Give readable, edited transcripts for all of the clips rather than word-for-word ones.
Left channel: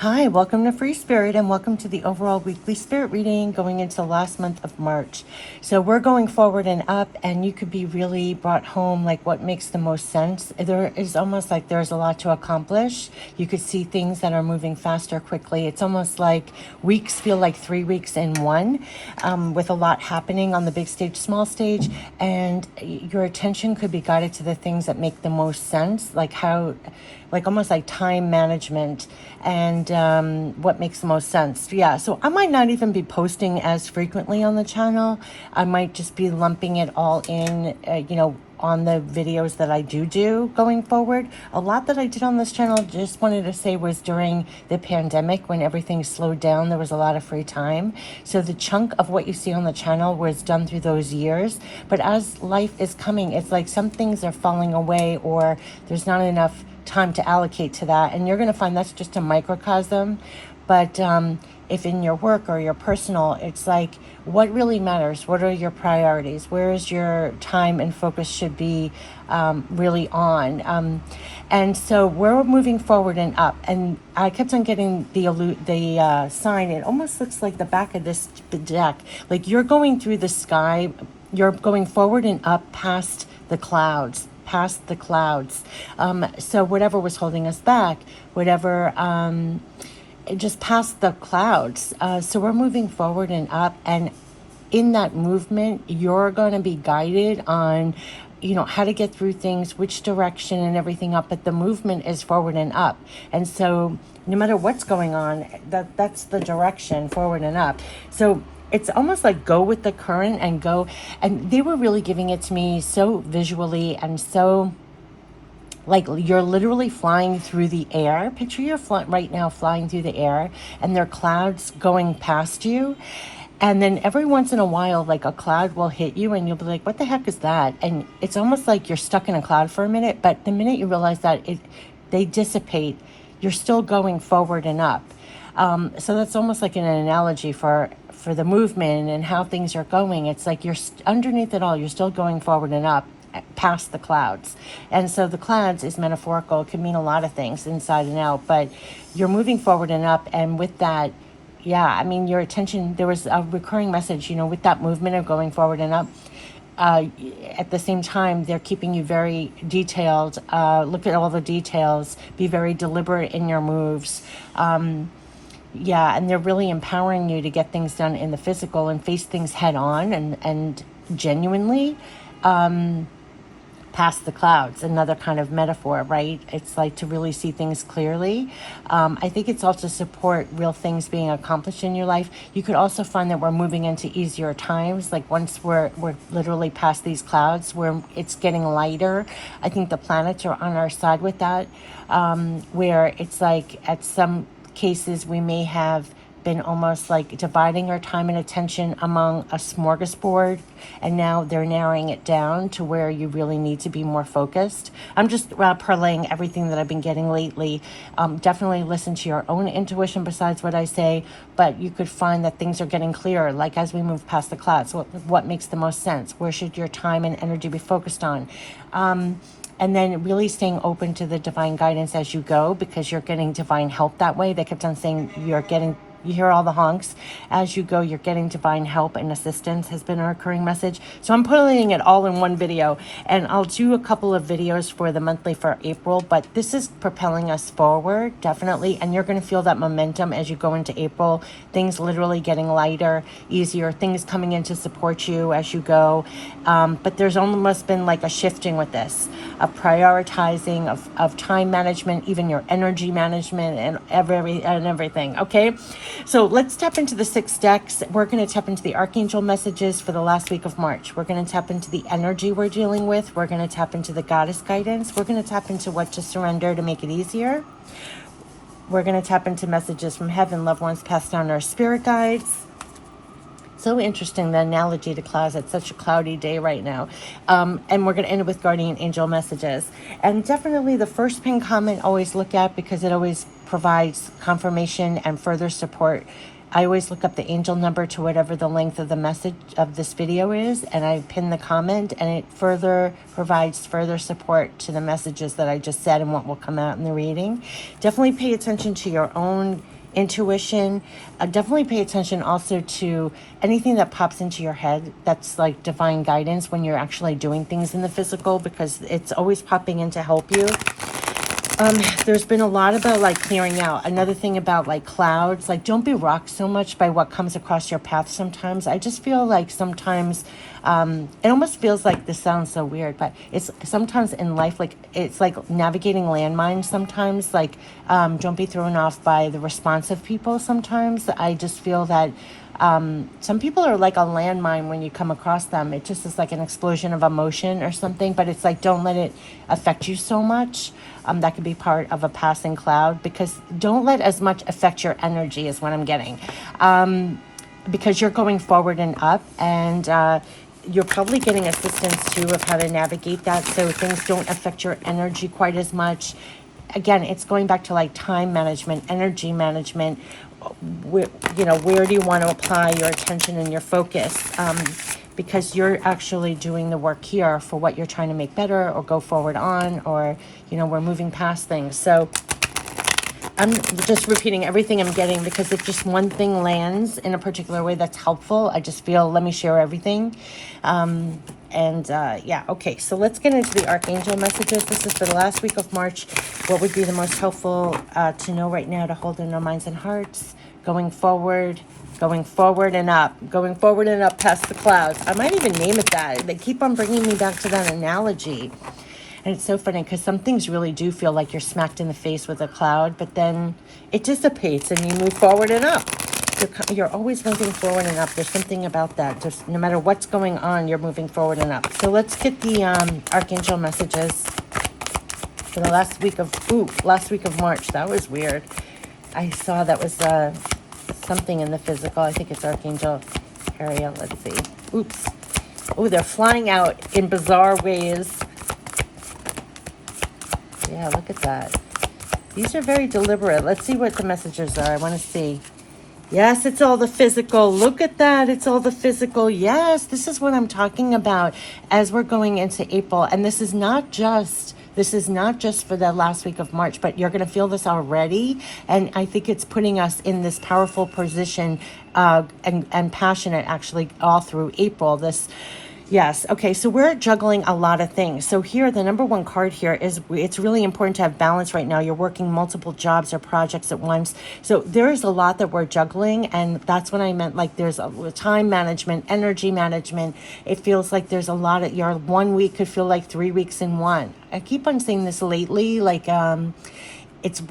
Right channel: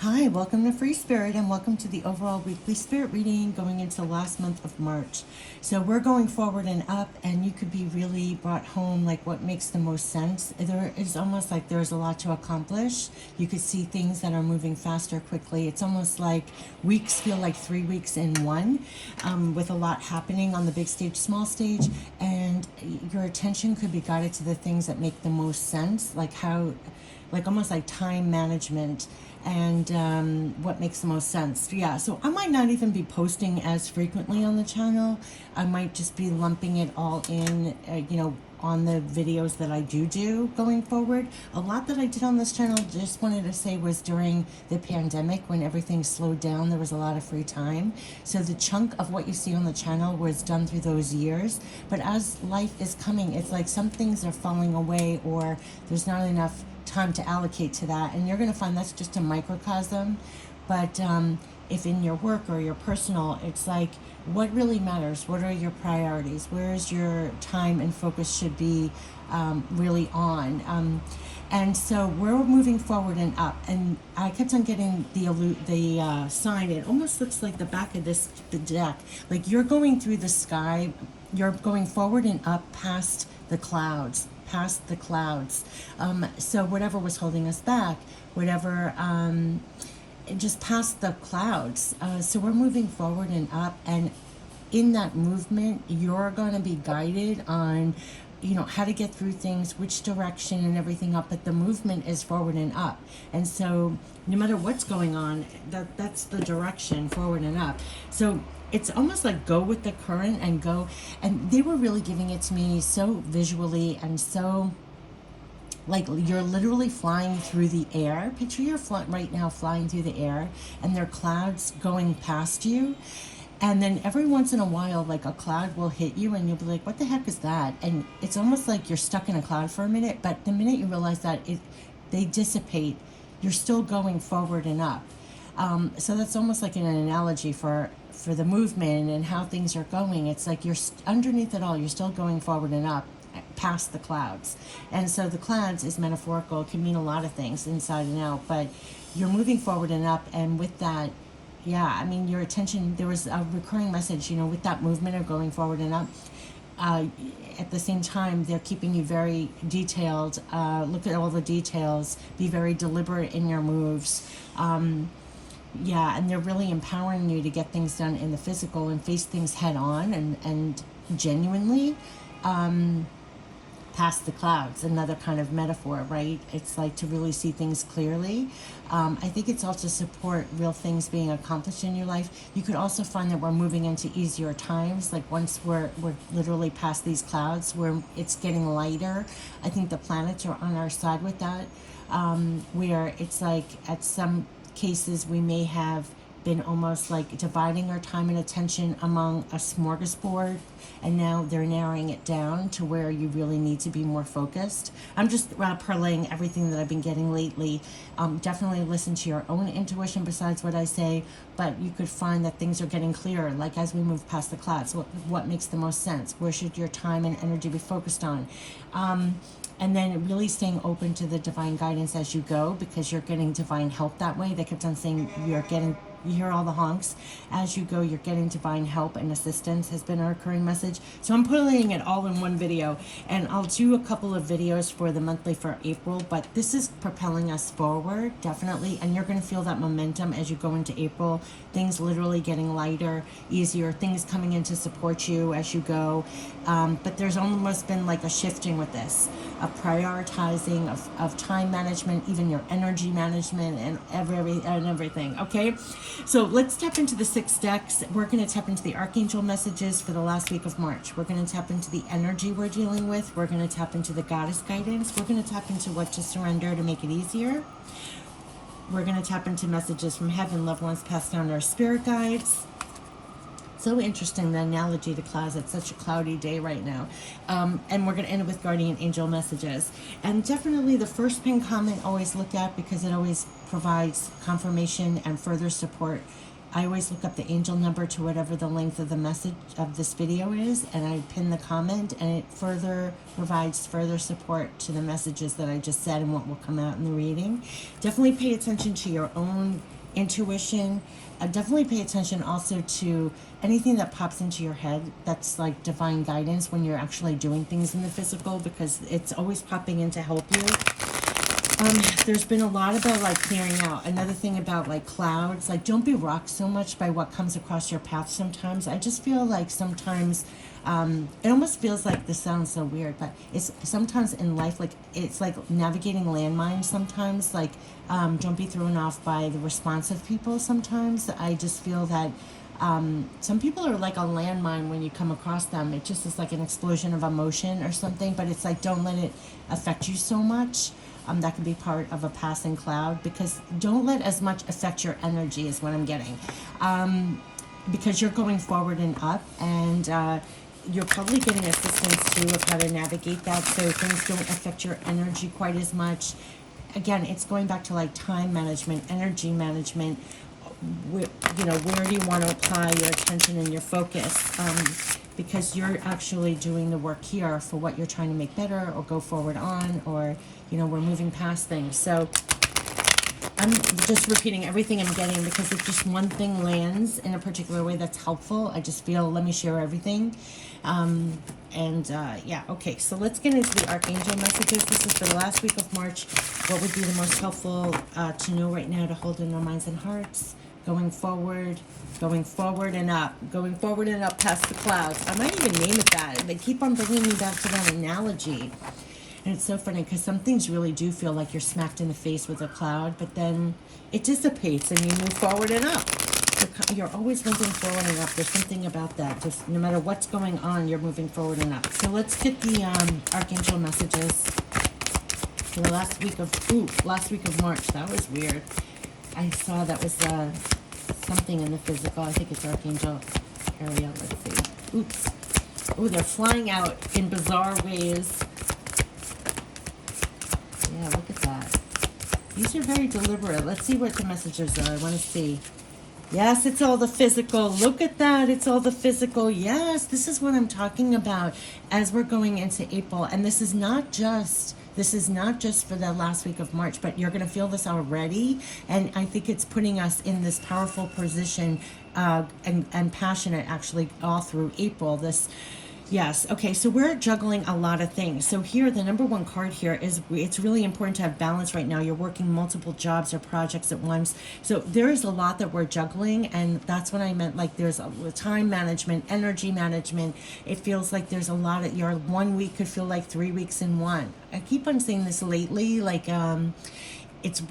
Hi, welcome to Free Spirit and welcome to the overall weekly spirit reading going into the last month of March. So we're going forward and up, and you could be really brought home like what makes the most sense. There is almost like there's a lot to accomplish. You could see things that are moving faster quickly. It's almost like weeks feel like 3 weeks in one, with a lot happening on the big stage, small stage, and your attention could be guided to the things that make the most sense, like almost like time management and what makes the most sense. Yeah, so I might not even be posting as frequently on the channel. I might just be lumping it all in, on the videos that I do going forward. A lot that I did on this channel, just wanted to say, was during the pandemic when everything slowed down. There was a lot of free time. So the chunk of what you see on the channel was done through those years. But as life is coming, it's like some things are falling away or there's not enough time to allocate to that, and you're going to find that's just a microcosm. But if in your work or your personal, it's like what really matters, what are your priorities, where is your time and focus should be really on. And so we're moving forward and up, and I kept on getting the sign. It almost looks like the back of this deck, like you're going through the sky, you're going forward and up past the clouds, so whatever was holding us back, whatever, just past the clouds. So we're moving forward and up, and in that movement, you're going to be guided on, how to get through things, which direction and everything up, but the movement is forward and up. And so no matter what's going on, that's the direction, forward and up. So it's almost like go with the current and go. And they were really giving it to me so visually and so like you're literally flying through the air. Picture you're right now flying through the air, and there are clouds going past you. And then every once in a while, like a cloud will hit you and you'll be like, what the heck is that? And it's almost like you're stuck in a cloud for a minute, but the minute you realize that they dissipate, you're still going forward and up. So that's almost like an analogy for the movement and how things are going. It's like you're underneath it all, you're still going forward and up past the clouds. And so the clouds is metaphorical. It can mean a lot of things inside and out, but you're moving forward and up. And with that, yeah, I mean, your attention, there was a recurring message, with that movement of going forward and up. At the same time, they're keeping you very detailed. Look at all the details. Be very deliberate in your moves. Yeah, and they're really empowering you to get things done in the physical and face things head on and genuinely. Past the clouds, another kind of metaphor, right? It's like to really see things clearly. I think it's also support real things being accomplished in your life. You could also find that we're moving into easier times. Like once we're literally past these clouds, where it's getting lighter. I think the planets are on our side with that, where it's like at some cases we may have been almost like dividing our time and attention among a smorgasbord, and now they're narrowing it down to where you really need to be more focused. I'm just parlaying everything that I've been getting lately. Definitely listen to your own intuition besides what I say, but you could find that things are getting clearer, like as we move past the clouds, what makes the most sense, where should your time and energy be focused on. And then really staying open to the divine guidance as you go, because you're getting divine help that way. They kept on saying you hear all the honks. As you go, you're getting divine help and assistance has been a recurring message. So I'm putting it all in one video, and I'll do a couple of videos for the monthly for April, but this is propelling us forward, definitely. And you're going to feel that momentum as you go into April, things literally getting lighter, easier, things coming in to support you as you go. But there's almost been like a shifting with this, of prioritizing, of time management, even your energy management and everything. Okay. So let's tap into the 6 decks. We're going to tap into the Archangel messages for the last week of March. We're going to tap into the energy we're dealing with. We're going to tap into the Goddess guidance. We're going to tap into what to surrender to make it easier. We're going to tap into messages from heaven, loved ones passed down, our spirit guides. So interesting, the analogy to clouds. It's such a cloudy day right now. And we're going to end it with guardian angel messages. And definitely the first pinned comment always look at, because it always provides confirmation and further support I always look up the angel number to whatever the length of the message of this video is, and I pin the comment, and it further provides further support to the messages that I just said and what will come out in the reading. Definitely pay attention to your own intuition. Definitely pay attention also to anything that pops into your head that's like divine guidance when you're actually doing things in the physical, because it's always popping in to help you. There's been a lot about like clearing out. Another thing about like clouds, like don't be rocked so much by what comes across your path sometimes. I just feel like sometimes, it almost feels like, this sounds so weird, but it's sometimes in life, like it's like navigating landmines sometimes. Like, don't be thrown off by the response of people sometimes. I just feel that some people are like a landmine when you come across them. It just is like an explosion of emotion or something, but it's like, don't let it affect you so much. That could be part of a passing cloud, because don't let as much affect your energy is what I'm getting. Because you're going forward and up, and you're probably getting assistance too of how to navigate that, so things don't affect your energy quite as much. Again, it's going back to like time management, energy management. Where do you want to apply your attention and your focus? Because you're actually doing the work here for what you're trying to make better or go forward on, or, we're moving past things. So I'm just repeating everything I'm getting, because if just one thing lands in a particular way that's helpful, I just feel, let me share everything. Yeah, okay, so let's get into the Archangel messages. This is for the last week of March. What would be the most helpful to know right now to hold in our minds and hearts? Going forward and up past the clouds. I might even name it that. They keep on bringing me back to that analogy. And it's so funny, because some things really do feel like you're smacked in the face with a cloud, but then it dissipates and you move forward and up. You're always moving forward and up. There's something about that. Just no matter what's going on, you're moving forward and up. So let's get the Archangel messages for the last week of March. That was weird. I saw that was something in the physical. I think it's Archangel Ariel. Let's see. Oops. Oh, they're flying out in bizarre ways. Yeah, look at that. These are very deliberate. Let's see what the messages are. I want to see. Yes, it's all the physical. Look at that. It's all the physical. Yes, this is what I'm talking about as we're going into April. And this is not just for the last week of March, but you're going to feel this already. And I think it's putting us in this powerful position and passionate actually all through April. Yes. Okay. So we're juggling a lot of things. So here, the number one card here is, it's really important to have balance right now. You're working multiple jobs or projects at once. So there is a lot that we're juggling. And that's what I meant. Like there's a time management, energy management. It feels like there's a lot of, your 1 week could feel like 3 weeks in one. I keep on saying this lately, like,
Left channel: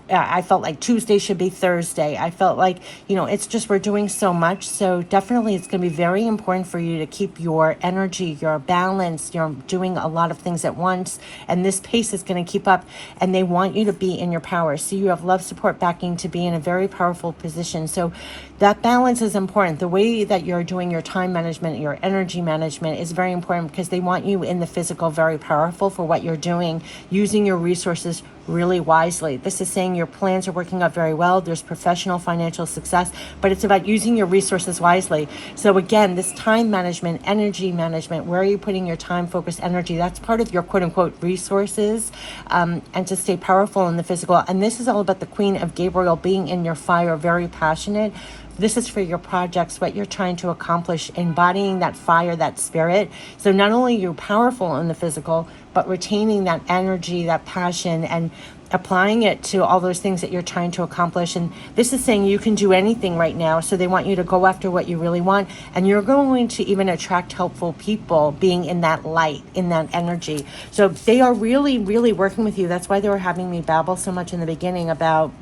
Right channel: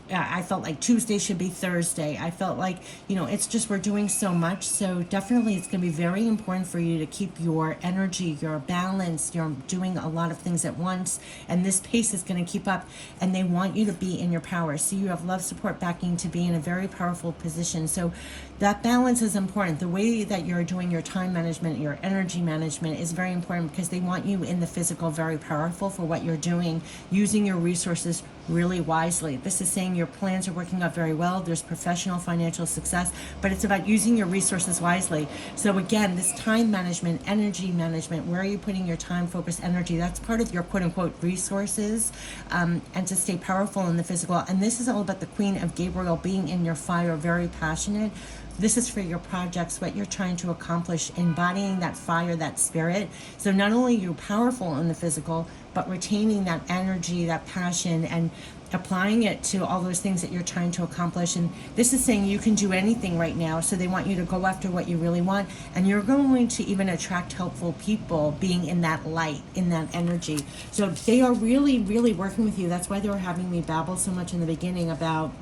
I felt like Tuesday should be Thursday. I felt like, it's just, we're doing so much. So definitely it's going to be very important for you to keep your energy, your balance. You're doing a lot of things at once, and this pace is going to keep up, and they want you to be in your power. So you have love, support, backing to be in a very powerful position. So that balance is important. The way that you're doing your time management, your energy management is very important, because they want you in the physical very powerful for what you're doing, using your resources really wisely. This is saying your plans are working out very well. There's professional financial success, but it's about using your resources wisely. So again, this time management, energy management, where are you putting your time, focus, energy? That's part of your quote unquote resources, and to stay powerful in the physical. And this is all about the Queen of Gabriel being in your fire, very passionate. This is for your projects, what you're trying to accomplish, embodying that fire, that spirit. So not only are you powerful in the physical, but retaining that energy, that passion, and applying it to all those things that you're trying to accomplish. And this is saying you can do anything right now. So they want you to go after what you really want. And you're going to even attract helpful people being in that light, in that energy. So they are really, really working with you. That's why they were having me babble so much in the beginning about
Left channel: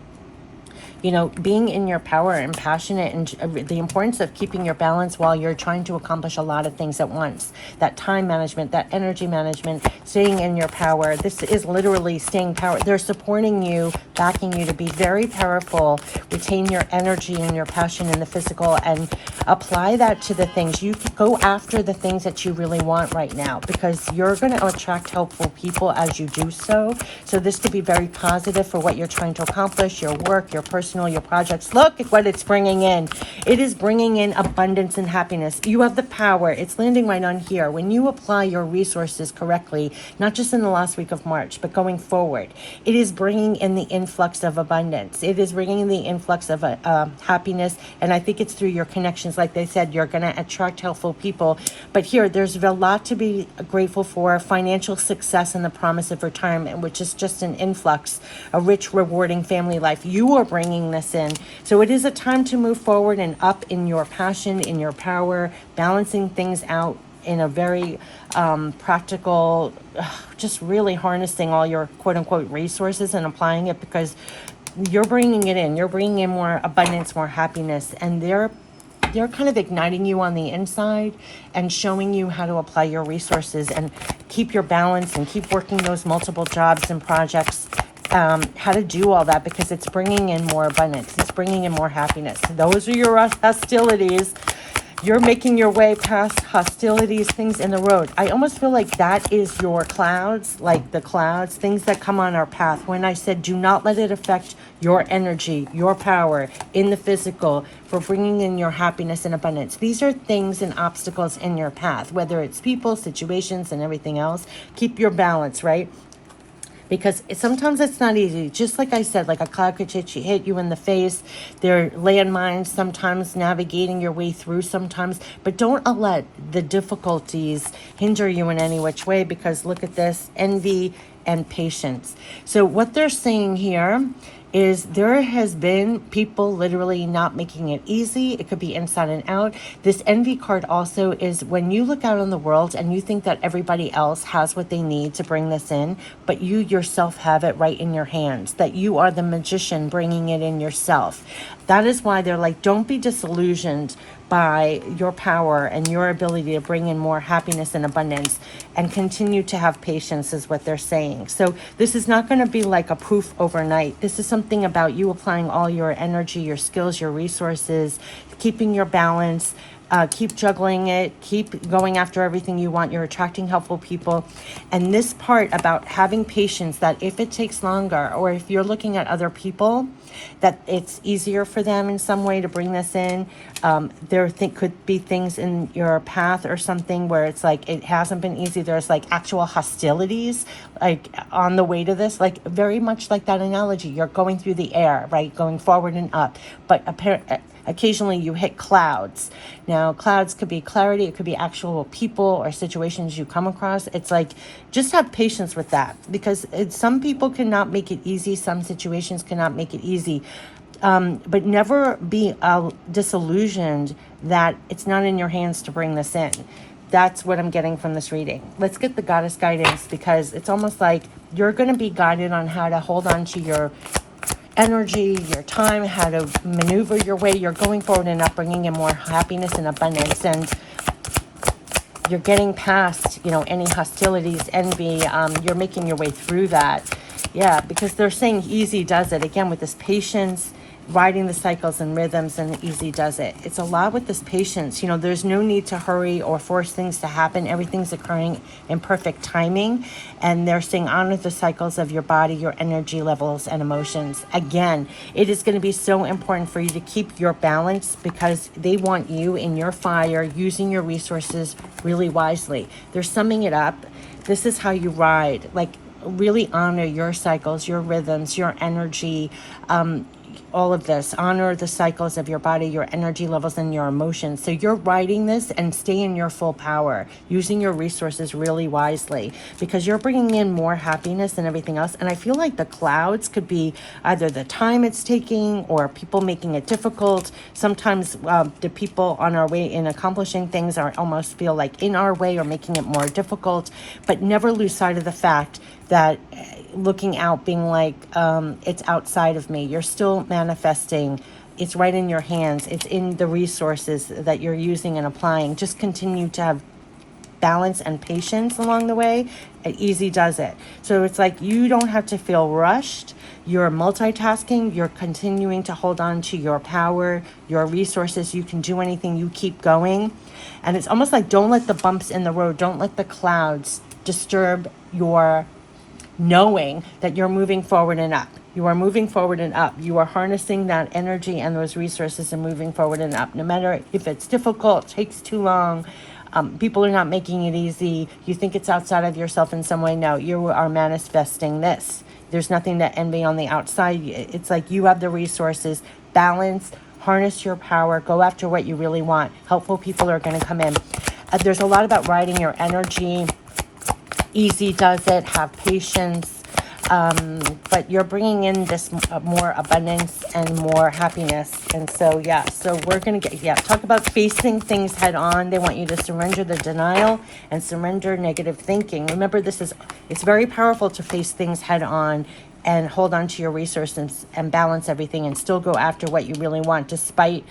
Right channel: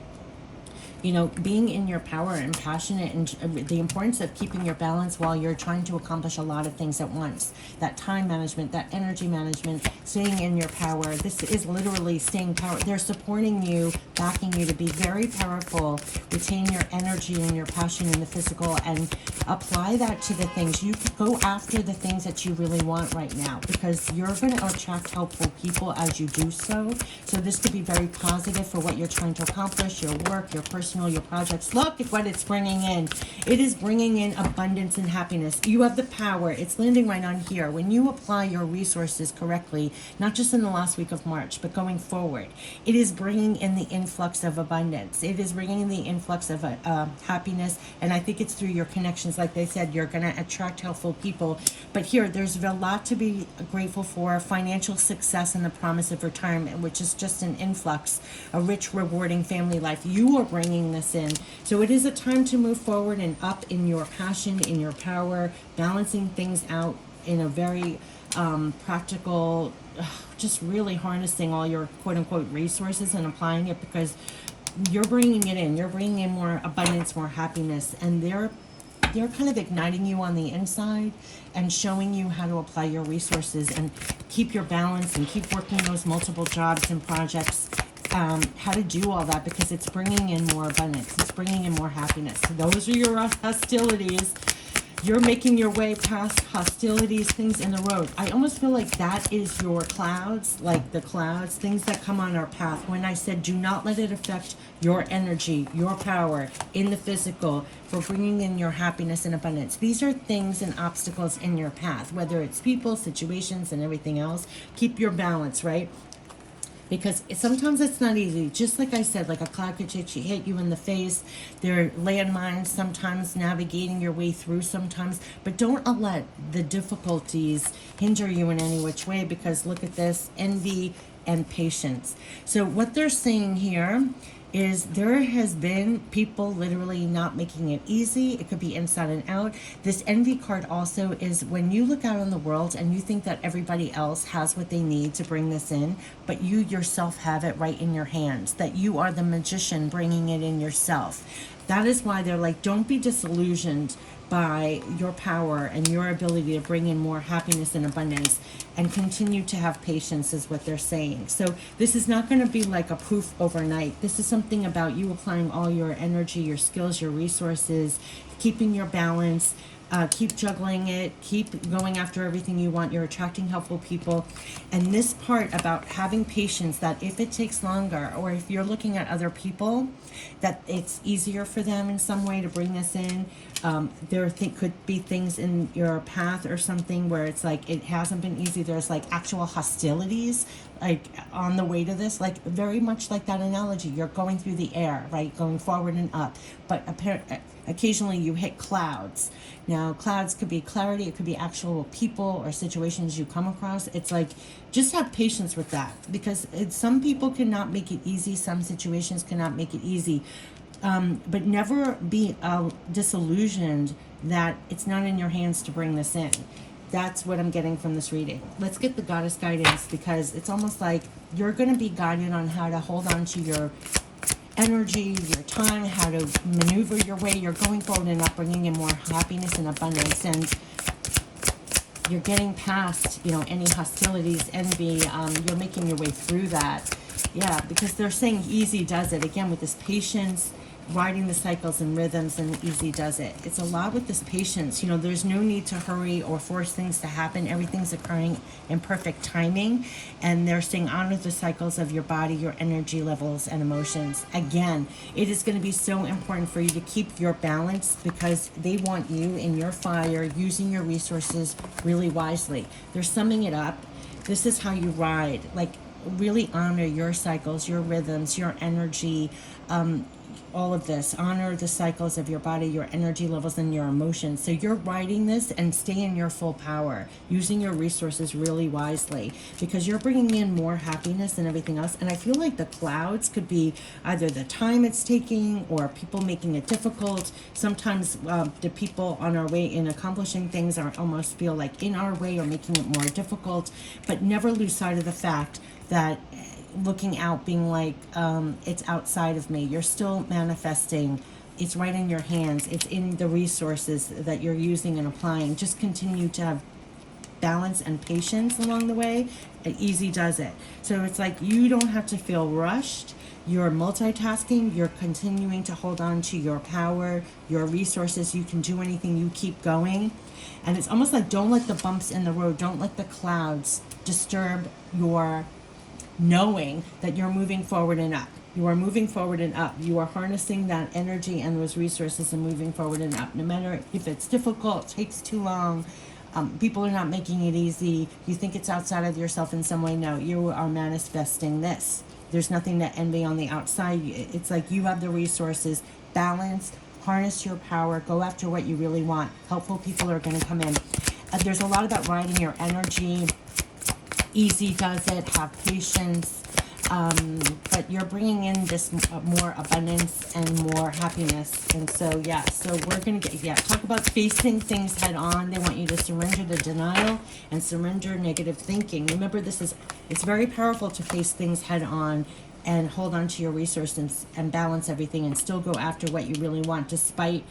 being in your power and passionate, and the importance of keeping your balance while you're trying to accomplish a lot of things at once. That time management, that energy management, staying in your power. This is literally staying power. They're supporting you, backing you to be very powerful, retain your energy and your passion in the physical, and apply that to the things. You go after the things that you really want right now, because you're going to attract helpful people as you do so. So this could be very positive for what you're trying to accomplish, your work, your personal personal, your projects. Look at what it's bringing in. It is bringing in abundance and happiness. You have the power. It's landing right on here. When you apply your resources correctly, not just in the last week of March, but going forward, it is bringing in the influx of abundance. It is bringing in the influx of happiness. And I think it's through your connections. Like they said, you're going to attract helpful people. But here, there's a lot to be grateful for. Financial success and the promise of retirement, which is just an influx, a rich, rewarding family life. You are bringing this in. So it is a time to move forward and up in your passion, in your power, balancing things out in a very practical, just really harnessing all your quote unquote resources and applying it, because you're bringing it in. You're bringing in more abundance, more happiness, and they're kind of igniting you on the inside and showing you how to apply your resources and keep your balance and keep working those multiple jobs and projects, how to do all that, because it's bringing in more abundance. It's bringing in more happiness. Those are your hostilities. You're making your way past hostilities, things in the road. I almost feel like that is your clouds, like the clouds, things that come on our path. When I said, do not let it affect your energy, your power in the physical for bringing in your happiness and abundance. These are things and obstacles in your path, whether it's people, situations, and everything else. Keep your balance, right? Because sometimes it's not easy. Just like I said, like a cloud could hit you in the face. There are landmines sometimes, navigating your way through sometimes. But don't let the difficulties hinder you in any which way, because look at this, envy and patience. So what they're saying here is there has been people literally not making it easy. It could be inside and out. This envy card also is when you look out in the world and you think that everybody else has what they need to bring this in, but you yourself have it right in your hands, that you are the magician bringing it in yourself. That is why they're like, don't be disillusioned by your power and your ability to bring in more happiness and abundance, and continue to have patience is what they're saying. So this is not going to be like a poof overnight. This is something about you applying all your energy, your skills, your resources, keeping your balance, keep juggling it, keep going after everything you want. You're attracting helpful people. And this part about having patience, that if it takes longer, or if you're looking at other people, that it's easier for them in some way to bring this in. There could be things in your path or something where it's like it hasn't been easy. There's like actual hostilities like on the way to this, like very much like that analogy. You're going through the air, right? Going forward and up. But occasionally you hit clouds. Now, clouds could be clarity. It could be actual people or situations you come across. It's like, just have patience with that, because some people cannot make it easy. Some situations cannot make it easy. But never be disillusioned that it's not in your hands to bring this in. That's what I'm getting from this reading. Let's get the goddess guidance, because it's almost like you're going to be guided on how to hold on to your energy, your time, how to maneuver your way. You're going forward and up, bringing in more happiness and abundance, and you're getting past, any hostilities, envy. You're making your way through that. Yeah, because they're saying easy does it. Again, with this patience, riding the cycles and rhythms, and easy does it. It's a lot with this patience. There's no need to hurry or force things to happen. Everything's occurring in perfect timing. And they're saying honor the cycles of your body, your energy levels, and emotions. Again, it is going to be so important for you to keep your balance, because they want you in your fire, using your resources really wisely. They're summing it up. This is how you ride. Like, really honor your cycles, your rhythms, your energy, all of this. Honor the cycles of your body, your energy levels, and your emotions. So you're riding this, and stay in your full power, using your resources really wisely, because you're bringing in more happiness and everything else. And I feel like the clouds could be either the time it's taking or people making it difficult. Sometimes the people on our way in accomplishing things are almost feel like in our way or making it more difficult. But never lose sight of the fact that looking out, being like, it's outside of me. You're still manifesting. It's right in your hands. It's in the resources that you're using and applying. Just continue to have balance and patience along the way. It easy does it. So it's like you don't have to feel rushed. You're multitasking. You're continuing to hold on to your power, your resources. You can do anything. You keep going. And it's almost like, don't let the bumps in the road, don't let the clouds disturb your knowing that you're moving forward and up. You are moving forward and up. You are harnessing that energy and those resources and moving forward and up. No matter if it's difficult, takes too long, people are not making it easy, you think it's outside of yourself in some way. No, you are manifesting this. There's nothing to envy on the outside. It's like you have the resources. Balance, harness your power, go after what you really want. Helpful people are going to come in. There's a lot about riding your energy. Easy does it. Have patience. But you're bringing in this more abundance and more happiness. And so, yeah, so we're going to talk about facing things head on. They want you to surrender the denial and surrender negative thinking. Remember, it's very powerful to face things head on and hold on to your resources and balance everything and still go after what you really want, despite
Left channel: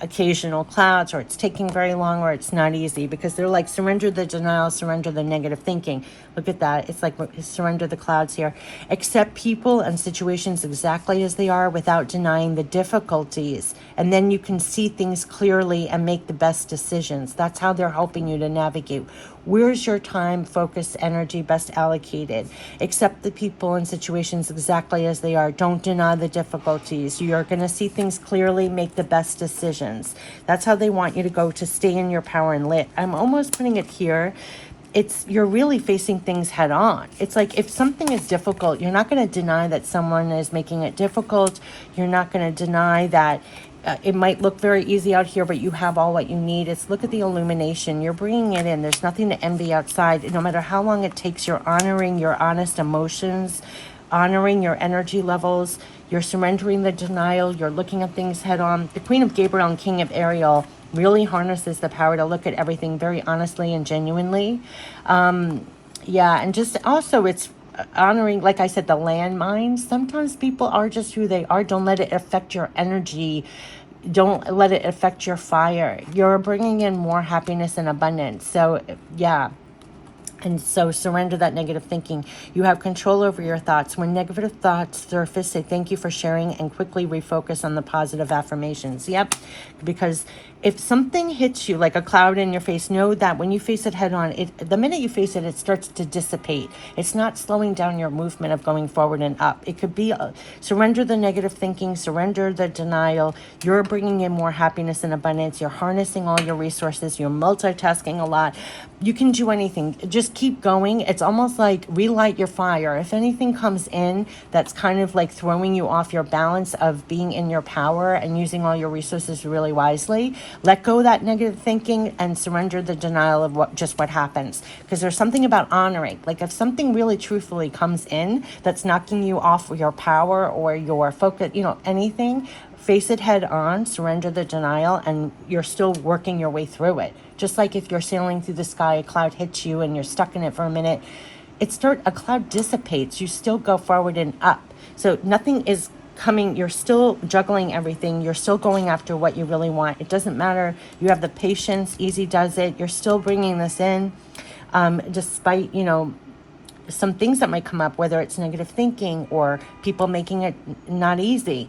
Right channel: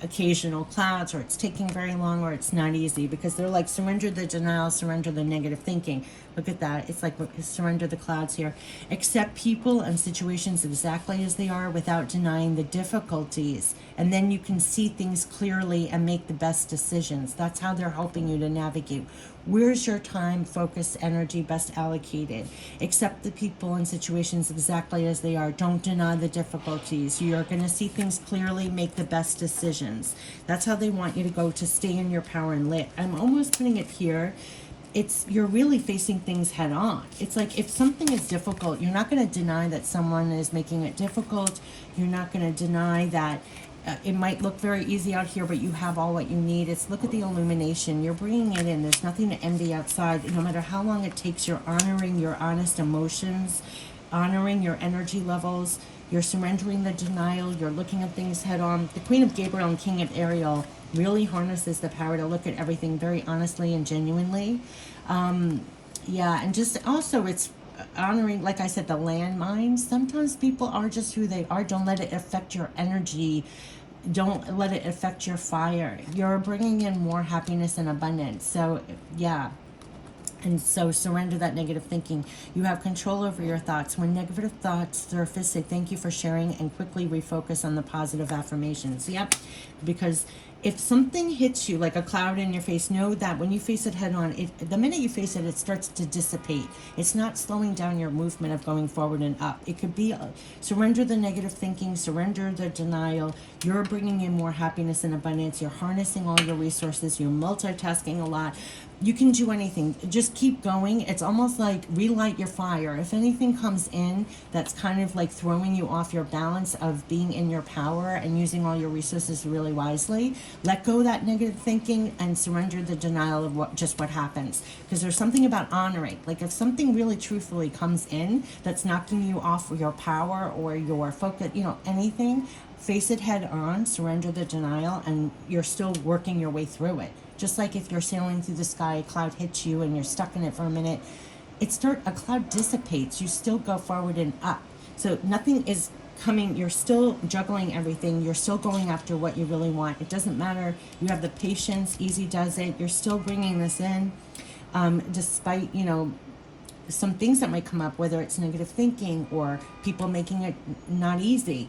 occasional clouds, or it's taking very long, or it's not easy, because they're like, surrender the denial, surrender the negative thinking. Look at that. It's like surrender the clouds here. Accept people and situations exactly as they are without denying the difficulties. And then you can see things clearly and make the best decisions. That's how they're helping you to navigate. Where's your time, focus, energy best allocated? Accept the people and situations exactly as they are. Don't deny the difficulties. You're going to see things clearly, make the best decisions. That's how they want you to go, to stay in your power and lit. I'm almost putting it here. You're really facing things head on. It's like, if something is difficult, you're not going to deny that someone is making it difficult. You're not going to deny that it might look very easy out here, but you have all what you need. Look at the illumination. You're bringing it in. There's nothing to envy outside. No matter how long it takes, you're honoring your honest emotions, honoring your energy levels. You're surrendering the denial. You're looking at things head on. The Queen of Gabriel and King of Ariel really harnesses the power to look at everything very honestly and genuinely. And just also, it's honoring, like I said, the landmines. Sometimes people are just who they are. Don't let it affect your energy. Don't let it affect your fire. You're bringing in more happiness and abundance. So, yeah. And so surrender that negative thinking. You have control over your thoughts. When negative thoughts surface, say thank you for sharing and quickly refocus on the positive affirmations. Yep. Because if something hits you like a cloud in your face, know that when you face it head on, the minute you face it, it starts to dissipate. It's not slowing down your movement of going forward and up. It could be surrender the negative thinking, surrender the denial. You're bringing in more happiness and abundance. You're harnessing all your resources. You're multitasking a lot. You can do anything. Just keep going. It's almost like relight your fire. If anything comes in that's kind of like throwing you off your balance of being in your power and using all your resources really wisely, let go of that negative thinking and surrender the denial of what happens. Because there's something about honoring. Like, if something really truthfully comes in that's knocking you off your power or your focus, anything, face it head on, surrender the denial, and you're still working your way through it. Just like if you're sailing through the sky, a cloud hits you and you're stuck in it for a minute, a cloud dissipates, you still go forward and up. So nothing is coming, you're still juggling everything, you're still going after what you really want. It doesn't matter, you have the patience, easy does it, you're still bringing this in, despite, some things that might come up, whether it's negative thinking or people making it not easy.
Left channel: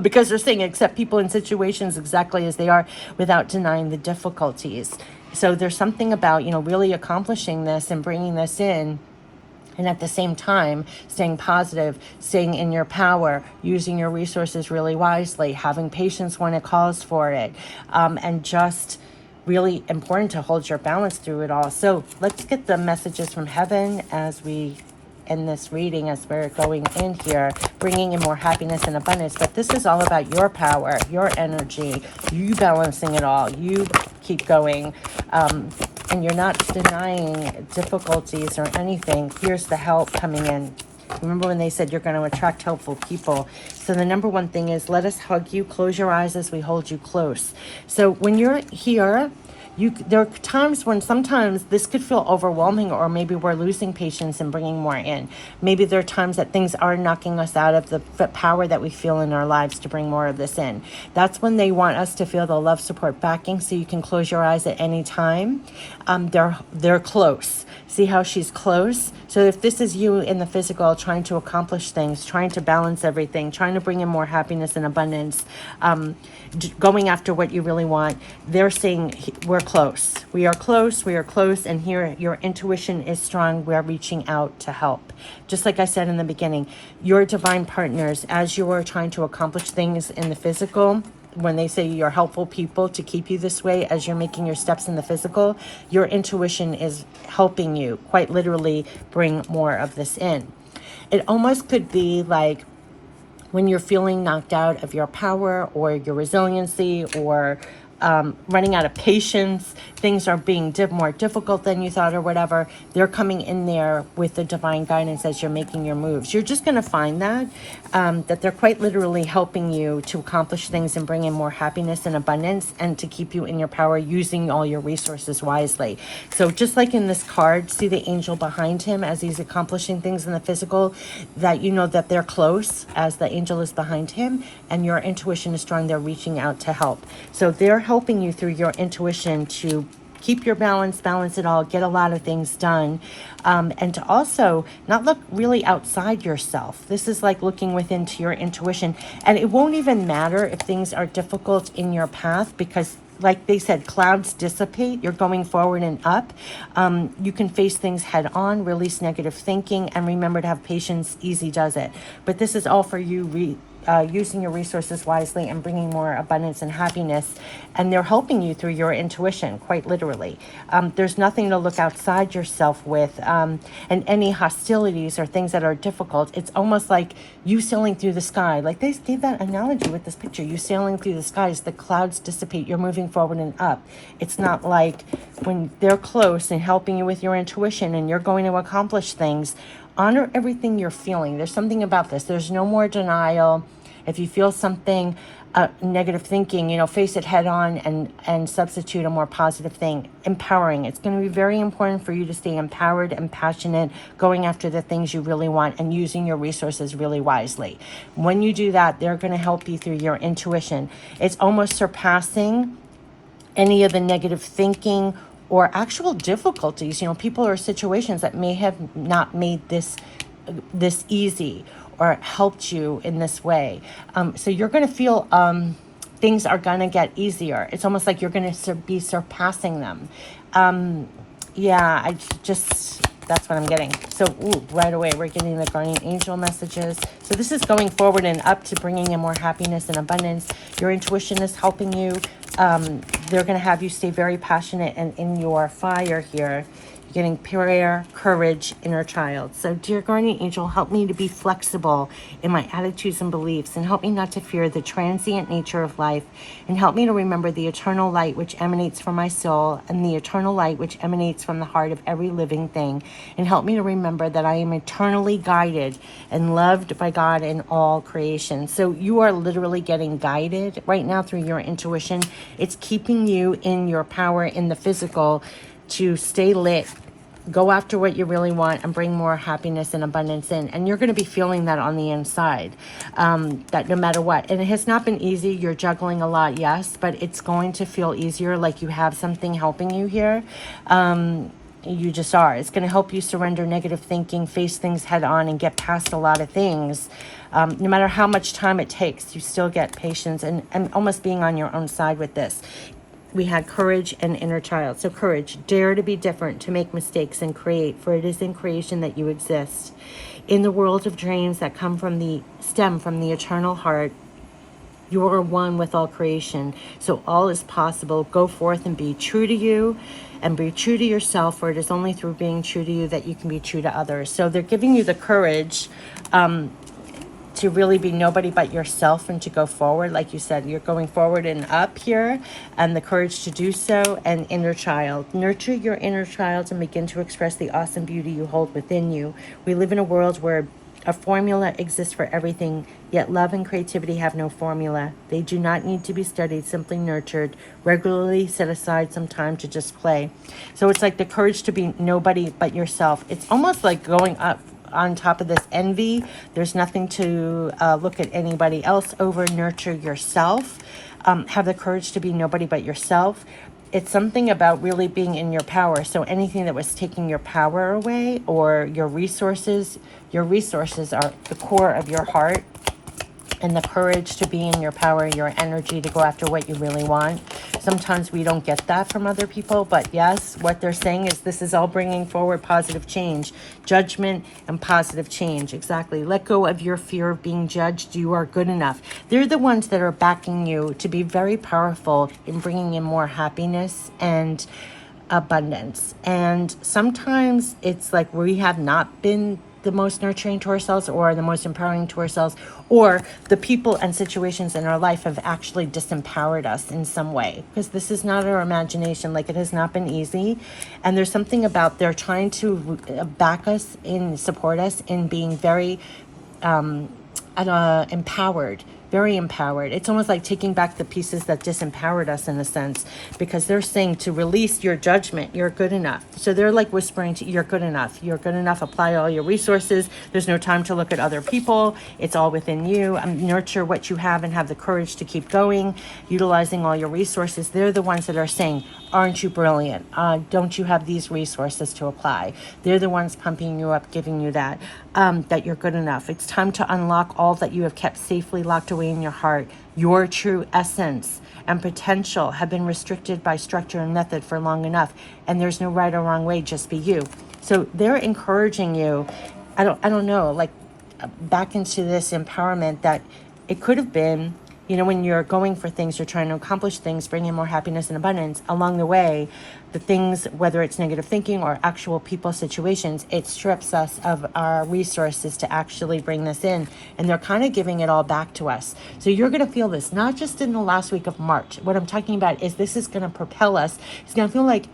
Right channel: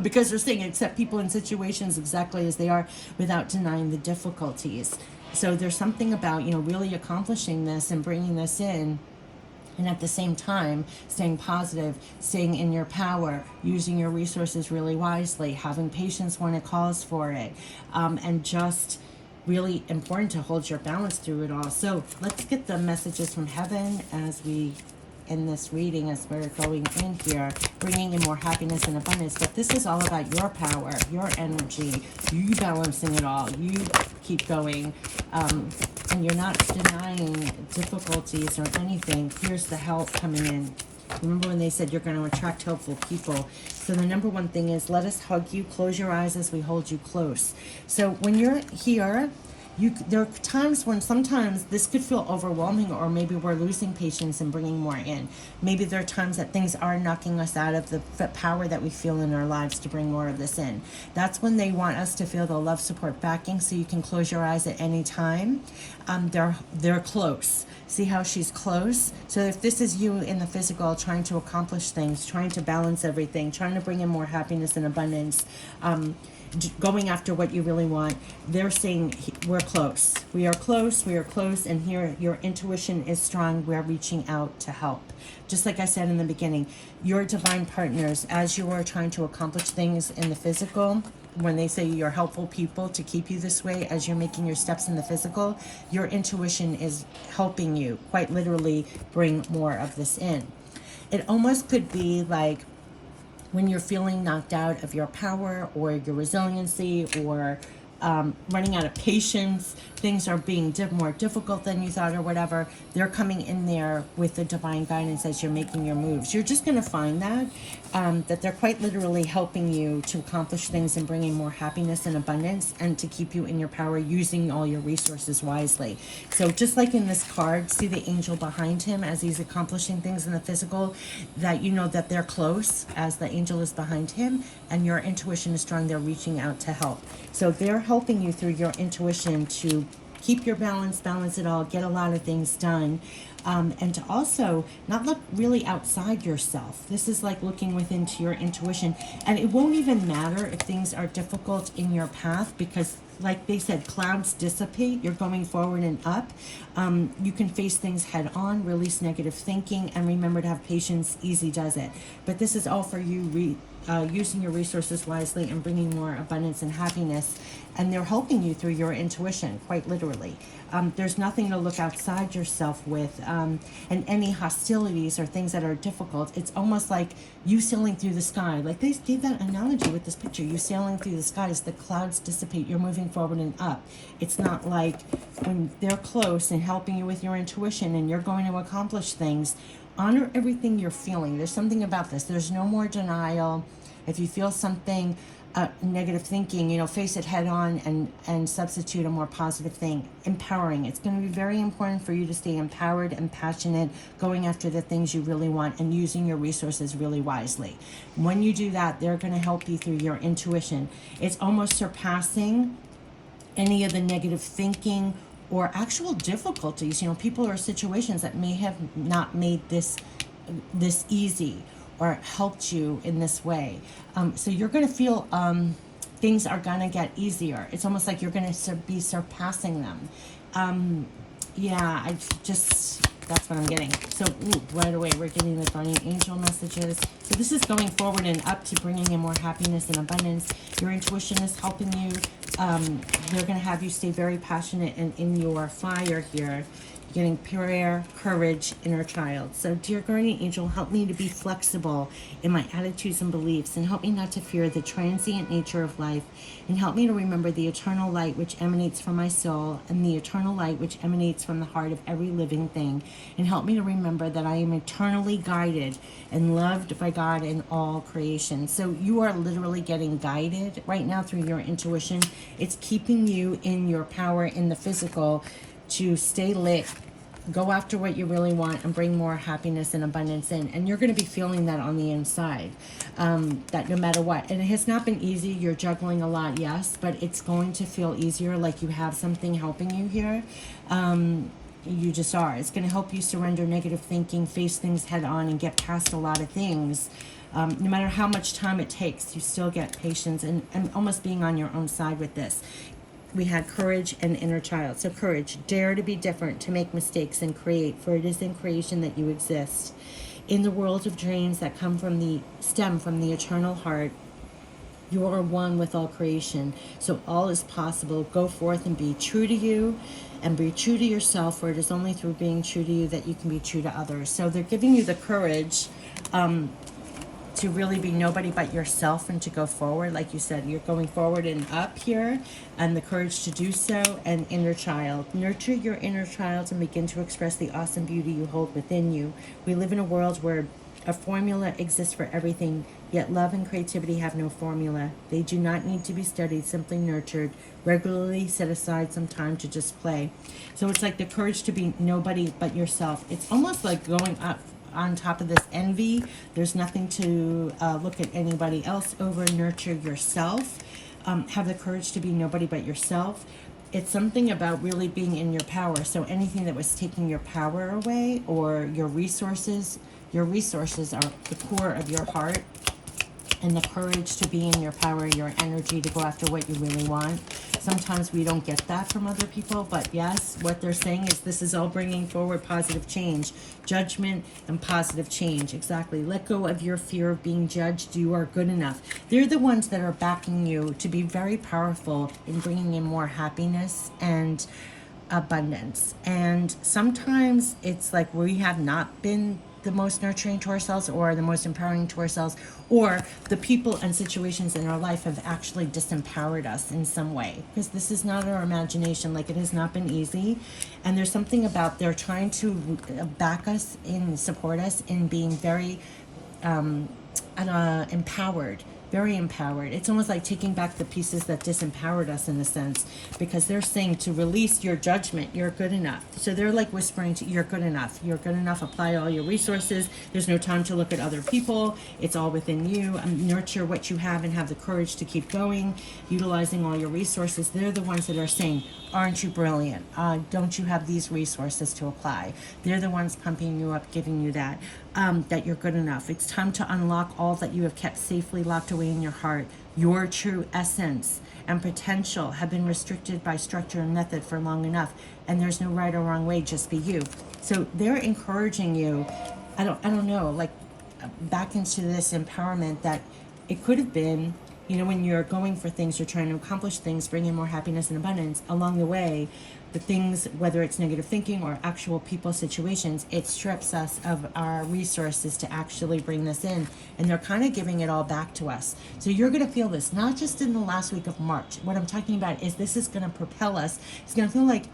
Because they're saying accept people in situations exactly as they are without denying the difficulties. So there's something about, really accomplishing this and bringing this in, and at the same time staying positive, staying in your power, using your resources really wisely, having patience when it calls for it, and just really important to hold your balance through it all. So let's get the messages from heaven as we end this reading, as we're going in here, bringing in more happiness and abundance. But this is all about your power, your energy, you balancing it all. You keep going, and you're not denying difficulties or anything. Here's the help coming in. Remember when they said you're going to attract helpful people? So the number one thing is, let us hug you. Close your eyes as we hold you close. So when you're here, there are times when sometimes this could feel overwhelming, or maybe we're losing patience and bringing more in. Maybe there are times that things are knocking us out of the power that we feel in our lives to bring more of this in. That's when they want us to feel the love, support, backing, so you can close your eyes at any time. They're close. See how she's close? So if this is you in the physical, trying to accomplish things, trying to balance everything, trying to bring in more happiness and abundance, going after what you really want, they're saying we're close. We are close. We are close. And here, your intuition is strong. We are reaching out to help. Just like I said in the beginning, your divine partners, as you are trying to accomplish things in the physical, when they say you're helpful people to keep you this way, as you're making your steps in the physical, your intuition is helping you quite literally bring more of this in. It almost could be like when you're feeling knocked out of your power or your resiliency, or running out of patience, things are being more difficult than you thought or whatever, they're coming in there with the divine guidance as you're making your moves. You're just going to find that they're quite literally helping you to accomplish things and bring in more happiness and abundance, and to keep you in your power, using all your resources wisely. So just like in this card, see the angel behind him as he's accomplishing things in the physical, that you know that they're close as the angel is behind him, and your intuition is strong. They're reaching out to help. So they're helping you through your intuition to keep your balance it all, get a lot of things done, and to also not look really outside yourself. This is like looking within to your intuition, and it won't even matter if things are difficult in your path, because like they said, clouds dissipate. You're going forward and up. You can face things head on, release negative thinking, and remember to have patience. Easy does it. But this is all for you using your resources wisely and bringing more abundance and happiness. And they're helping you through your intuition, quite literally. There's nothing to look outside yourself with. And any hostilities or things that are difficult, it's almost like you sailing through the sky. Like they gave that analogy with this picture. You sailing through the skies, the clouds dissipate, you're moving forward and up. It's not like when they're close and helping you with your intuition and you're going to accomplish things. Honor everything you're feeling. There's something about this. There's no more denial. If you feel something, negative thinking, face it head on and substitute a more positive thing. Empowering. It's going to be very important for you to stay empowered and passionate, going after the things you really want and using your resources really wisely. When you do that, they're going to help you through your intuition. It's almost surpassing any of the negative thinking or actual difficulties, people or situations that may have not made this easy or helped you in this way. So you're going to feel things are going to get easier. It's almost like you're going to be surpassing them. That's what I'm getting. So right away, we're getting the guardian angel messages. So this is going forward and up to bringing in more happiness and abundance. Your intuition is helping you. They're going to have you stay very passionate and in your fire here. Getting prayer, courage, inner child. So dear guardian angel, help me to be flexible in my attitudes and beliefs, and help me not to fear the transient nature of life, and help me to remember the eternal light which emanates from my soul, and the eternal light which emanates from the heart of every living thing, and help me to remember that I am eternally guided and loved by God in all creation. So you are literally getting guided right now through your intuition. It's keeping you in your power in the physical to stay lit, go after what you really want, and bring more happiness and abundance in. And you're going to be feeling that on the inside, that no matter what. And it has not been easy. You're juggling a lot, yes, but it's going to feel easier, like you have something helping you here. You just are. It's going to help you surrender negative thinking, face things head on, and get past a lot of things. No matter how much time it takes, you still get patience and almost being on your own side with this. We had courage and inner child. So courage, dare to be different, to make mistakes and create, for it is in creation that you exist. In the world of dreams that stem from the eternal heart, you are one with all creation. So all is possible. Go forth and be true to you, and be true to yourself, for it is only through being true to you that you can be true to others. So they're giving you the courage to really be nobody but yourself and to go forward. Like you said, you're going forward and up here, and the courage to do so. And inner child, nurture your inner child and begin to express the awesome beauty you hold within you. We live in a world where a formula exists for everything, yet love and creativity have no formula. They do not need to be studied, simply nurtured. Regularly set aside some time to just play. So it's like the courage to be nobody but yourself. It's almost like going up on top of this envy. There's nothing to look at anybody else over. Nurture yourself. Have the courage to be nobody but yourself. It's something about really being in your power. So anything that was taking your power away, or your resources are the core of your heart and the courage to be in your power, your energy to go after what you really want. Sometimes we don't get that from other people, but yes, what they're saying is this is all bringing forward positive change, judgment and positive change. Exactly. Let go of your fear of being judged. You are good enough. They're the ones that are backing you to be very powerful in bringing in more happiness and abundance. And sometimes it's like we have not been the most nurturing to ourselves or the most empowering to ourselves, or the people and situations in our life have actually disempowered us in some way, because this is not our imagination. Like, it has not been easy, and there's something about they're trying to back us in, support us in being very empowered, very empowered. It's almost like taking back the pieces that disempowered us in a sense, because they're saying to release your judgment. You're good enough. So they're like whispering to you, you're good enough. You're good enough. Apply all your resources. There's no time to look at other people. It's all within you. Nurture what you have and have the courage to keep going, utilizing all your resources. They're the ones that are saying, aren't you brilliant? Don't you have these resources to apply? They're the ones pumping you up, giving you that, that you're good enough. It's time to unlock all that you have kept safely locked away in your heart. Your true essence and potential have been restricted by structure and method for long enough, and there's no right or wrong way, just be you. So they're encouraging you, I don't know, like back into this empowerment that it could have been, you know, when you're going for things, you're trying to accomplish things, bring in more happiness and abundance. Along the way, the things, whether it's negative thinking or actual people situations, it strips us of our resources to actually bring this in. And they're kind of giving it all back to us. So you're going to feel this, not just in the last week of March. What I'm talking about is this is going to propel us. It's going to feel like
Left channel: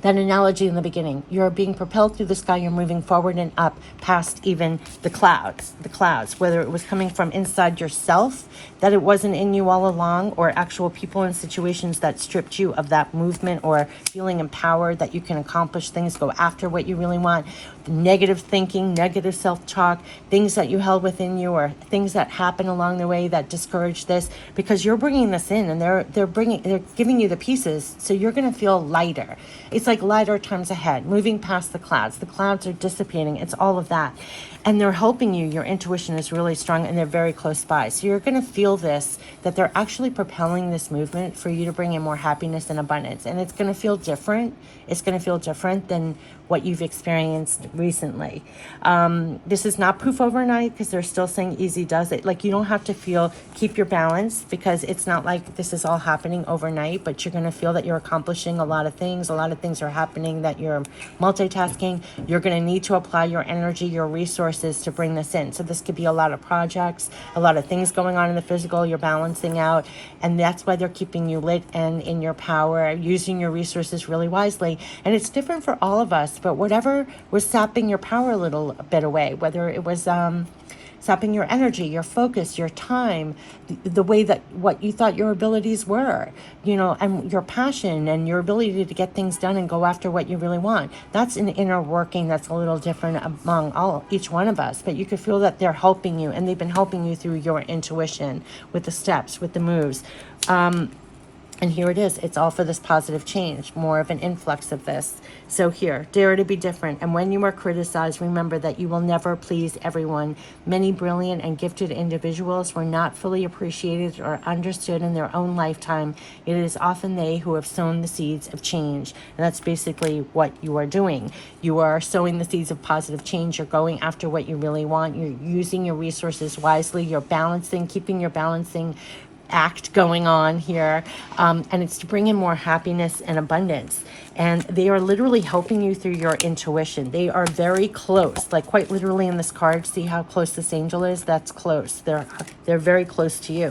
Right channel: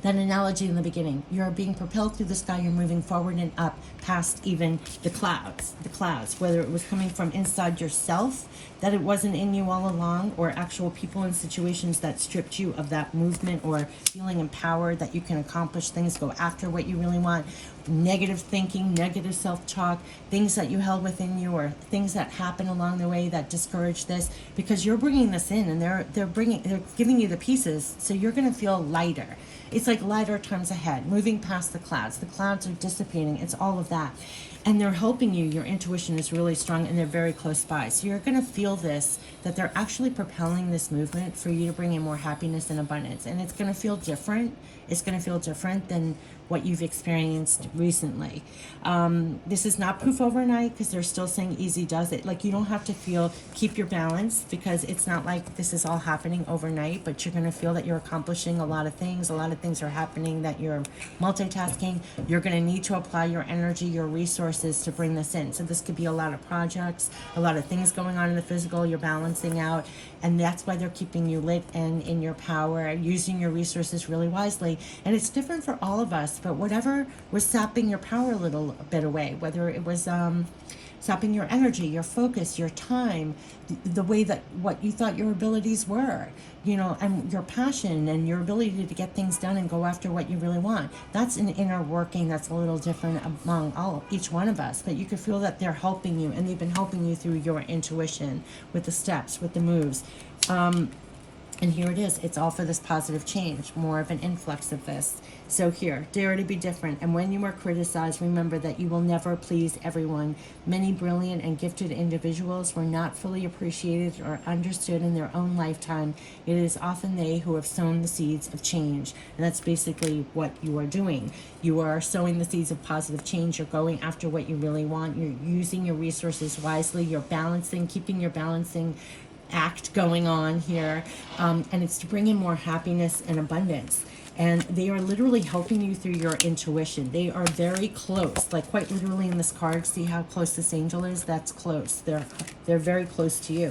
that analogy in the beginning. You're being propelled through the sky. You're moving forward and up past even the clouds, whether it was coming from inside yourself, that it wasn't in you all along, or actual people and situations that stripped you of that movement, or feeling empowered that you can accomplish things, go after what you really want. Negative thinking, negative self-talk, things that you held within you, or things that happen along the way that discourage this, because you're bringing this in, and they're giving you the pieces, so you're going to feel lighter. It's like lighter times ahead, moving past the clouds. The clouds are dissipating. It's all of that. And they're helping you. Your intuition is really strong, and they're very close by. So you're going to feel this, that they're actually propelling this movement for you to bring in more happiness and abundance. And it's going to feel different. It's going to feel different than what you've experienced recently. This is not poof overnight, because they're still saying easy does it. Like, you don't have to keep your balance, because it's not like this is all happening overnight, but you're going to feel that you're accomplishing a lot of things. A lot of things are happening, that you're multitasking. You're going to need to apply your energy, your resources to bring this in. So this could be a lot of projects, a lot of things going on in the physical, you're balancing out. And that's why they're keeping you lit and in your power, using your resources really wisely. And it's different for all of us, but whatever was sapping your power a little bit away, whether it was sapping your energy, your focus, your time, the way that what you thought your abilities were, you know, and your passion and your ability to get things done and go after what you really want. That's an inner working that's a little different among each one of us, but you could feel that they're helping you, and they've been helping you through your intuition, with the steps, with the moves. And here it is. It's all for this positive change, more of an influx of this. So here, dare to be different. And when you are criticized, remember that you will never please everyone. Many brilliant and gifted individuals were not fully appreciated or understood in their own lifetime. It is often they who have sown the seeds of change. And that's basically what you are doing. You are sowing the seeds of positive change. You're going after what you really want. You're using your resources wisely. You're balancing, keeping your balancing act going on here, and it's to bring in more happiness and abundance. And they are literally helping you through your intuition. They are very close, like quite literally in this card. See how close this angel is? That's close. They're very close to you.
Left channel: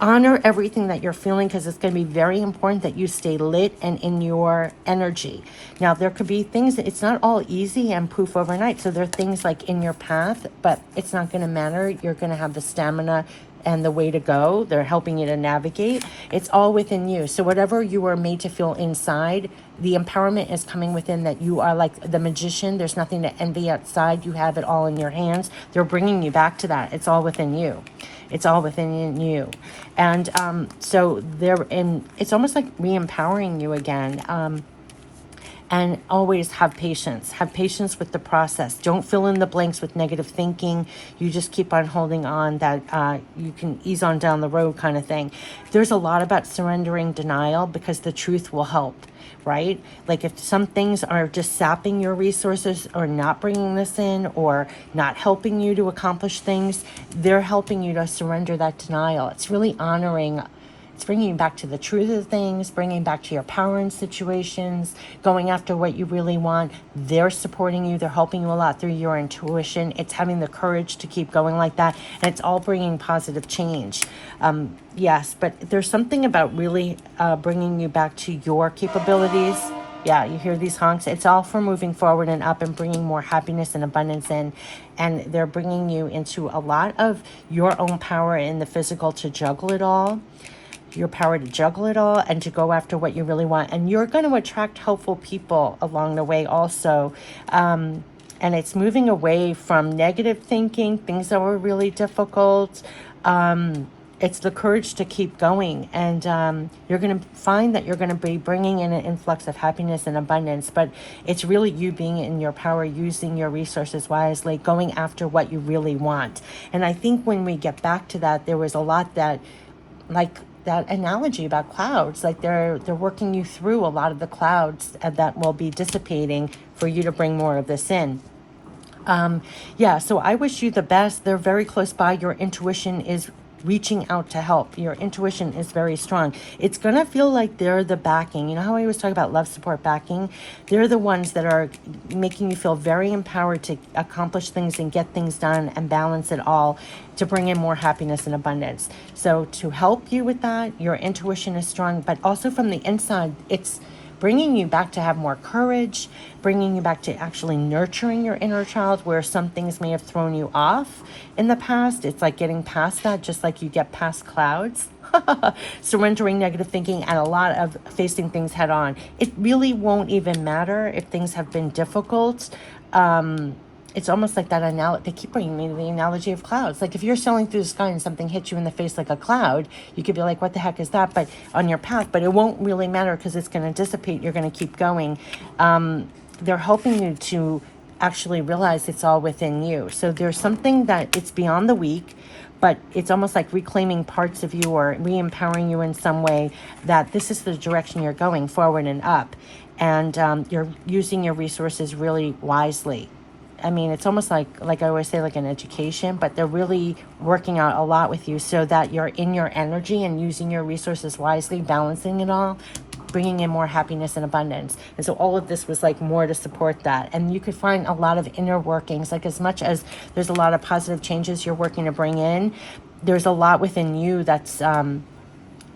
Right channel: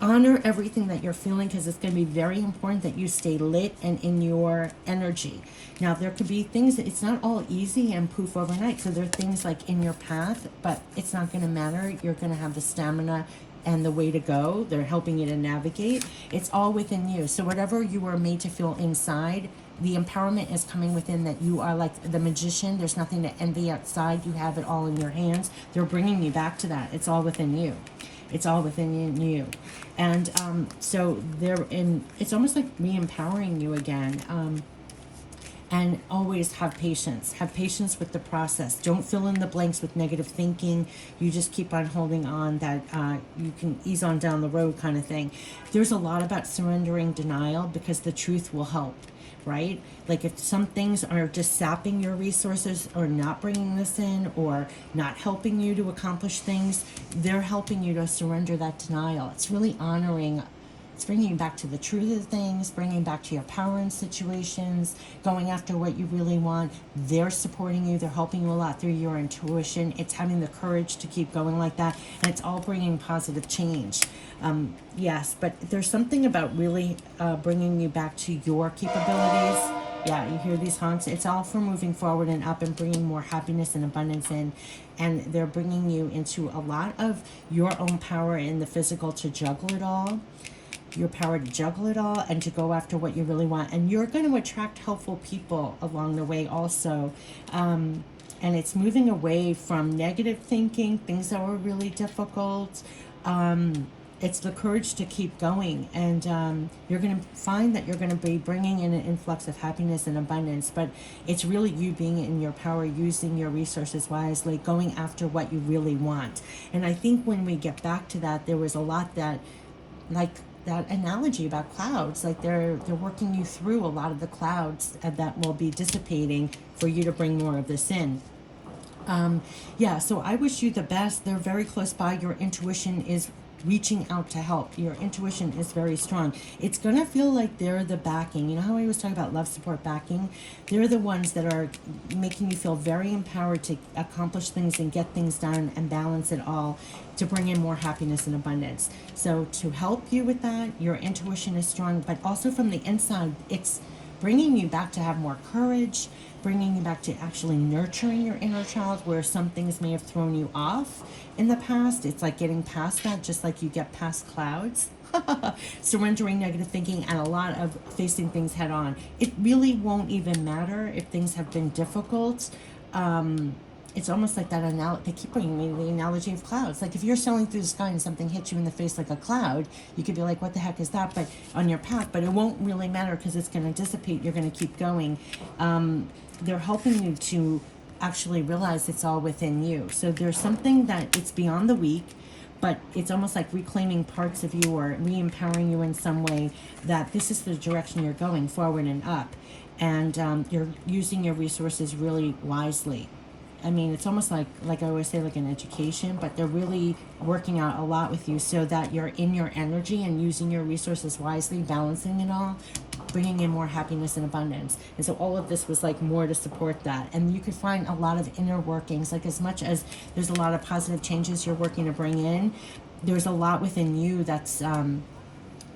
Honor everything that you're feeling, because it's going to be very important that you stay lit and in your energy. Now, there could be things that it's not all easy and poof overnight. So there are things like in your path, but it's not going to matter. You're going to have the stamina and the way to go. They're helping you to navigate. It's all within you. So whatever you are made to feel inside, the empowerment is coming within, that you are like the magician. There's nothing to envy outside. You have it all in your hands. They're bringing you back to that. It's all within you. It's all within you. And so it's almost like re-empowering you again. And always have patience. Have patience with the process. Don't fill in the blanks with negative thinking. You just keep on holding on that you can ease on down the road kind of thing. There's a lot about surrendering denial because the truth will help, right? Like if some things are just sapping your resources or not bringing this in or not helping you to accomplish things, they're helping you to surrender that denial. It's really honoring. It's bringing you back to the truth of things, bringing back to your power in situations, going after what you really want. They're supporting you. They're helping you a lot through your intuition. It's having the courage to keep going like that. And it's all bringing positive change. Yes, but there's something about really bringing you back to your capabilities. Yeah, you hear these honks. It's all for moving forward and up and bringing more happiness and abundance in. And they're bringing you into a lot of your own power in the physical to juggle it all. Your power to juggle it all and to go after what you really want. And you're going to attract helpful people along the way also. And it's moving away from negative thinking, things that were really difficult. It's the courage to keep going. And you're going to find that you're going to be bringing in an influx of happiness and abundance. But it's really you being in your power, using your resources wisely, going after what you really want. And I think when we get back to that, there was a lot that, like, that analogy about clouds, like they're working you through a lot of the clouds that will be dissipating for you to bring more of this in. Yeah, so I wish you the best. They're very close by. Your intuition is reaching out to help. Your intuition is very strong. It's going to feel like they're the backing. You know how I always talk about love, support, backing? They're the ones that are making you feel very empowered to accomplish things and get things done and balance it all to bring in more happiness and abundance. So to help you with that, your intuition is strong, but also from the inside, it's bringing you back to have more courage, bringing you back to actually nurturing your inner child where some things may have thrown you off in the past. It's like getting past that, just like you get past clouds. Surrendering negative thinking and a lot of facing things head on. It really won't even matter if things have been difficult. It's almost like that analogy. They keep bringing me the analogy of clouds. Like if you're sailing through the sky and something hits you in the face like a cloud, you could be like, what the heck is that? But on your path, but it won't really matter because it's going to dissipate. You're going to keep going. They're helping you to actually realize it's all within you. So there's something that it's beyond the weak, but it's almost like reclaiming parts of you or re-empowering you in some way that this is the direction you're going, forward and up. And you're using your resources really wisely. I mean, it's almost like I always say, like an education, but they're really working out a lot with you so that you're in your energy and using your resources wisely, balancing it all, bringing in more happiness and abundance. And so all of this was like more to support that. And you could find a lot of inner workings, like as much as there's a lot of positive changes you're working to bring in, there's a lot within you that's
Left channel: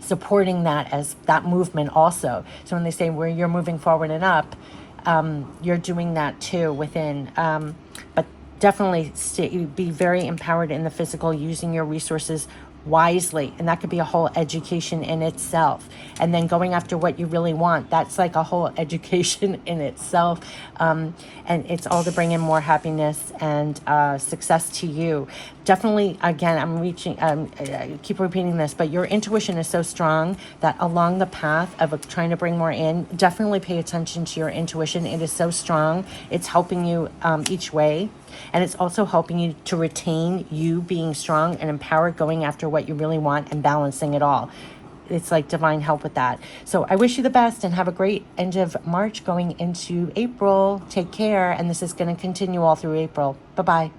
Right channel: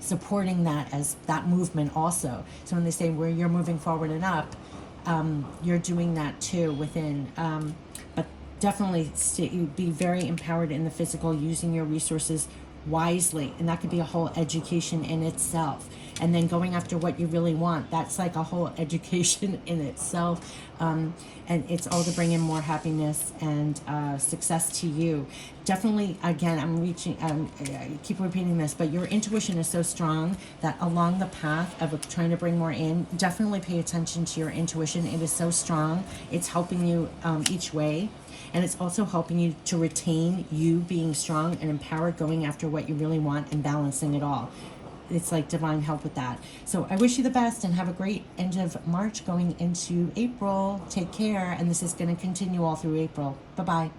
supporting that as that movement also. So when they say where you're moving forward and up, you're doing that too within, but definitely be very empowered in the physical, using your resources wisely. And that could be a whole education in itself. And then going after what you really want, that's like a whole education in itself. And it's all to bring in more happiness and success to you. Definitely, again, I keep repeating this, but your intuition is so strong that along the path of trying to bring more in, definitely pay attention to your intuition. It is so strong. It's helping you each way. And it's also helping you to retain you being strong and empowered, going after what you really want and balancing it all. It's like divine help with that. So I wish you the best and have a great end of March going into April. Take care. And this is going to continue all through April. Bye-bye.